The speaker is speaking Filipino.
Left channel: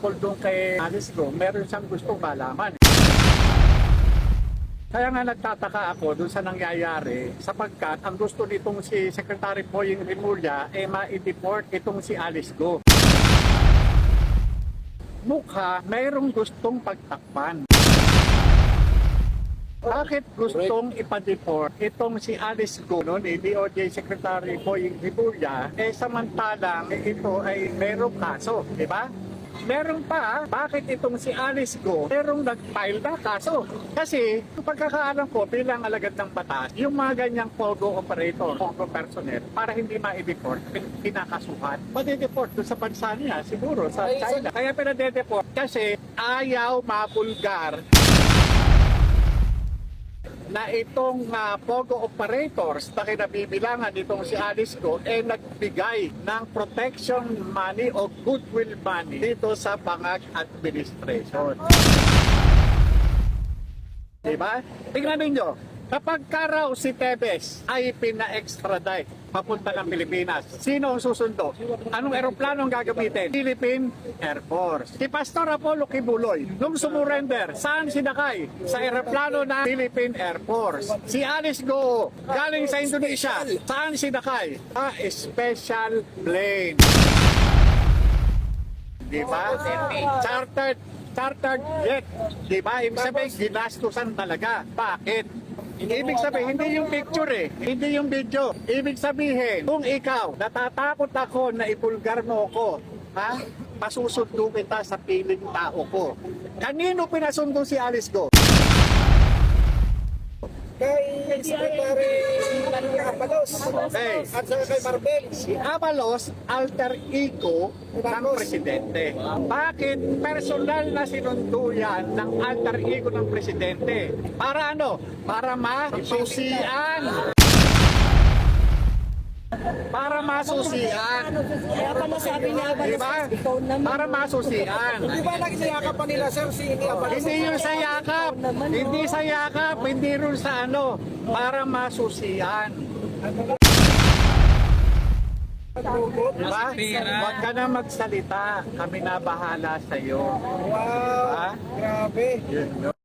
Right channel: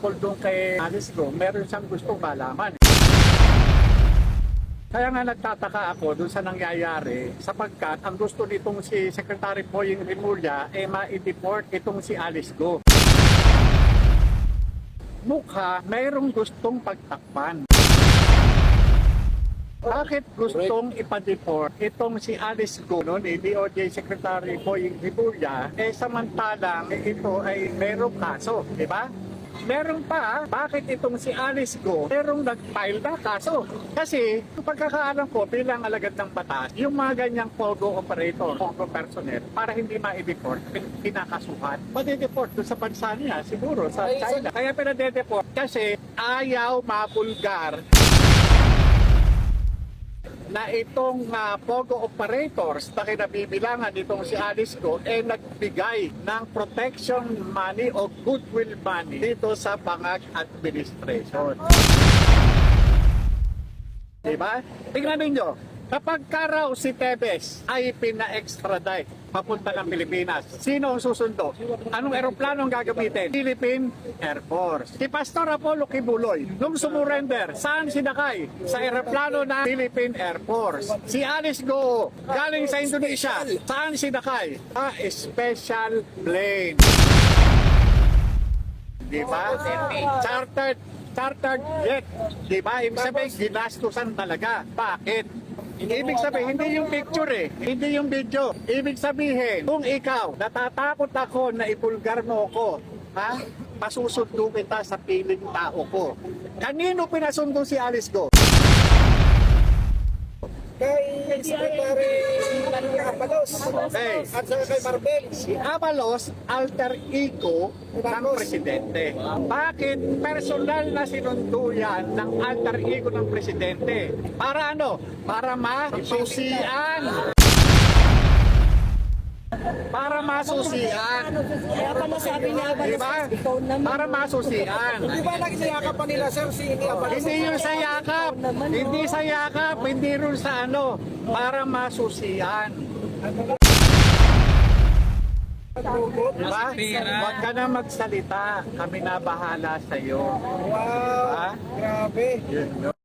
tungkol doon kay Alice Go, meron siyang gustong malaman. Kaya nga nagtataka ako doon sa nangyayari sapagkat ang gusto nitong si Secretary Boying Rimulya ma-deport itong si Alice Go. Mukha mayroong gustong pagtakpan. Bakit gustong ipa-deport itong si Alice Go noon, DOJ Secretary Boying Rimulya, samantalang ito ay mayroong kaso, di ba? Meron pa, bakit itong si Alice Go merong nag-file na kaso? Kasi, pagkakaalam ko bilang alagad ng batas, yung mga ganyang POGO operator, POGO personnel, para hindi ma-deport, pinakasuhan. Pati-deport doon sa bansa niya, siguro sa China. Kaya pinade-deport kasi ayaw mabulgar na itong POGO operators na kinabibilangan itong si Alice Go nagbigay ng protection money o goodwill money dito sa Bangag Administration. Diba? Tingnan ninyo, kapag raw si Tevez ay pina-extradite papunta ng Pilipinas, sino ang susundo? Anong eroplano ang gagamitin? Philippine Air Force. Si Pastor Apollo Kibuloy, nung sumurrender, saan sinakay? Sa eroplano ng Philippine Air Force. Si Alice Go, galing sa Indonesia, saan sinakay? Sa special plane. Diba? Chartered jet. Diba? Ibig sabihin, ginastusan talaga. Bakit? Ibig sabihin, hindi yung picture hindi yung video. Ibig sabihin, kung ikaw, natatakot ako na ipulgar mo ko, ha? Pasusundo kita sa piling tao ko. Kanino pinasundo si Alice Go? Kay Secretary Abalos Okay. at saka kay Marbel. Si Abalos, alter ego ng presidente. Bakit personal na sinunduyan ng alter ego ng presidente? Para ano? Para masusian. Para masusian. Kaya pala sabi niya, Diba? ikaw naman. Para masusian. Di ba nagsiyakap pa nila, sir, si Abalos? Hindi yung sa yakap. Hindi sa yakap. Hindi rin sa ano. Para masusian. Diba? Huwag ka na magsalita. Kami na bahala sa'yo. Wow, Diba? grabe. Yun, no?